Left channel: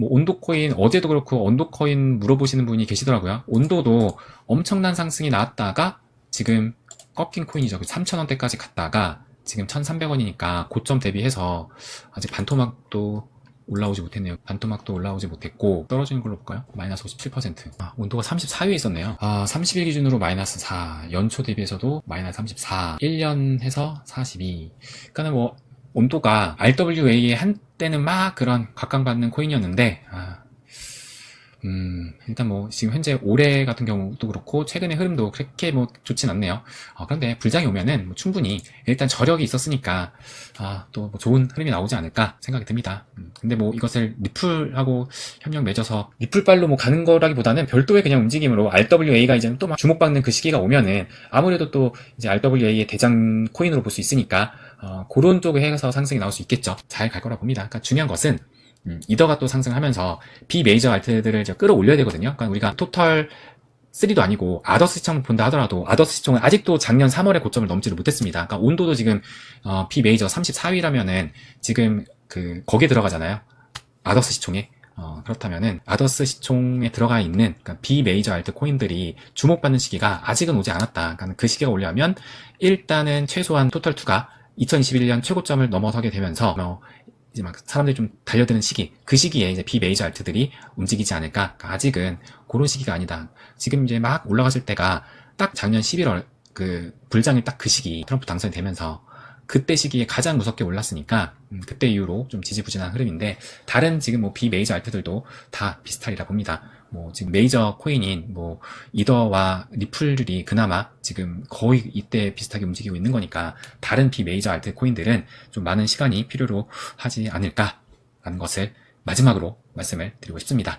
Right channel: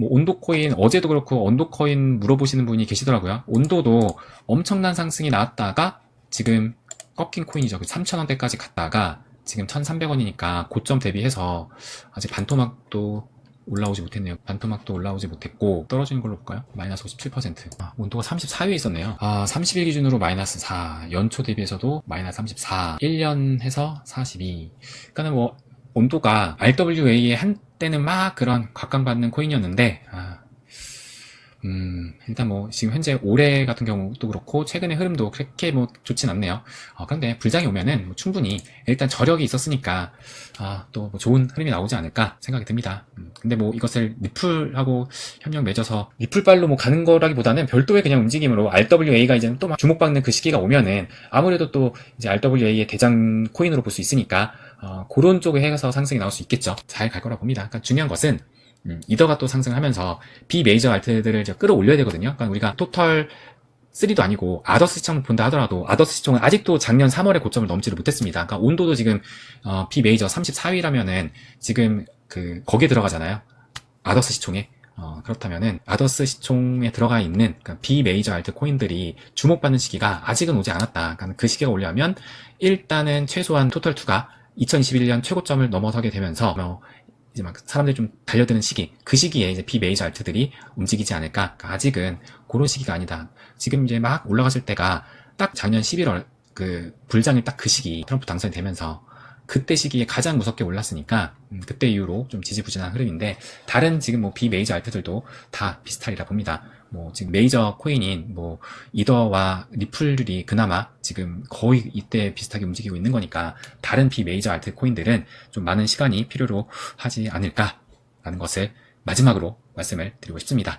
뭐 온도 코인 어제도 그렇고 온도 코인 물어보시는 분이 계시더라고요. 온도도 엄청난 상승이 나왔다가 지금 꺾인 코인이죠. 3,000원대까지 갔다가 지금 1,300원이니까 고점 대비해서 아직 반토막도 올라오지 못했네요. 반토막도 올라오지 못했고 떨어지는 걸로 볼까요? 마이너스 57%. 아, 온도가 34위에 있었네요. 아, 30일 기준으로 마이너스 4, 연초 대비해서도 마이너스 34, 1년 해서 42. 그러니까 뭐 온도가 RWA의 한 때는 막 그런 각광받는 코인이었는데 아, 음, 일단 뭐, 지금 현재 올해 같은 경우도 그렇고, 최근의 흐름도 그렇게 뭐, 좋진 않네요. 어, 근데 불장이 오면은 뭐 충분히 일단 저력이 있었으니까, 아, 또뭐 좋은 흐름이 나오지 않을까 생각이 듭니다. 음, 근데 뭐 이것을 리플하고 협력 맺어서 리플발로 뭐 가는 거라기보다는 별도의 그냥 움직임으로 RWA가 이제 또막 주목받는 그 시기가 오면은 아무래도 또 이제 RWA의 대장 코인으로 볼 수 있으니까, 어, 그런 쪽에 해서 상승이 나올 수 있겠죠. 잘 갈 거라 봅니다. 그러니까 중요한 것은 음, 이더가 또 상승하면서 비메이저 알트들을 이제 끌어올려야 되거든요. 그러니까 우리가 토탈 3도 아니고 아더스 시청을 본다 하더라도 아더스 시청은 아직도 작년 3월의 고점을 넘지를 못했습니다. 그러니까 온도도 지금 어, 비메이저 34위라면은 지금 그 거기에 들어가잖아요. 아더스 시총에 어, 그렇다면은 아더스 시총에 들어가 있는 그러니까 비메이저 알트 코인들이 주목받는 시기가 아직은 오지 않았다. 그러니까 그 시기가 오려면 일단은 최소한 토탈 2가 2021년 최고점을 넘어서게 되면서 어, 이제 막 사람들이 좀 달려드는 시기, 그 시기에 이제 비메이저 알트들이 움직이지 않을까. 그러니까 아직은 그런 시기가 아니다. 지금 이제 막 올라갔을 때가 딱 작년 11월 그 불장이 딱 그 시기 트럼프 당선이 되면서 그때 시기에 가장 무섭게 올랐으니까 음, 그때 이후로 좀 지지부진한 흐름인데 다른 지금 뭐 비메이저 알트들도 다 비슷하리라 봅니다. 뭐 지금 메이저 코인인 뭐 이더와 리플들이 그나마 지금 거의 이때 비슷하게 움직이고 있는 거니까 다른 비메이저 알트 코인들은 좀 많은 시간이 필요로 하지 않을까 하는 것을 마지막으로 말씀을 드리고 싶습니다.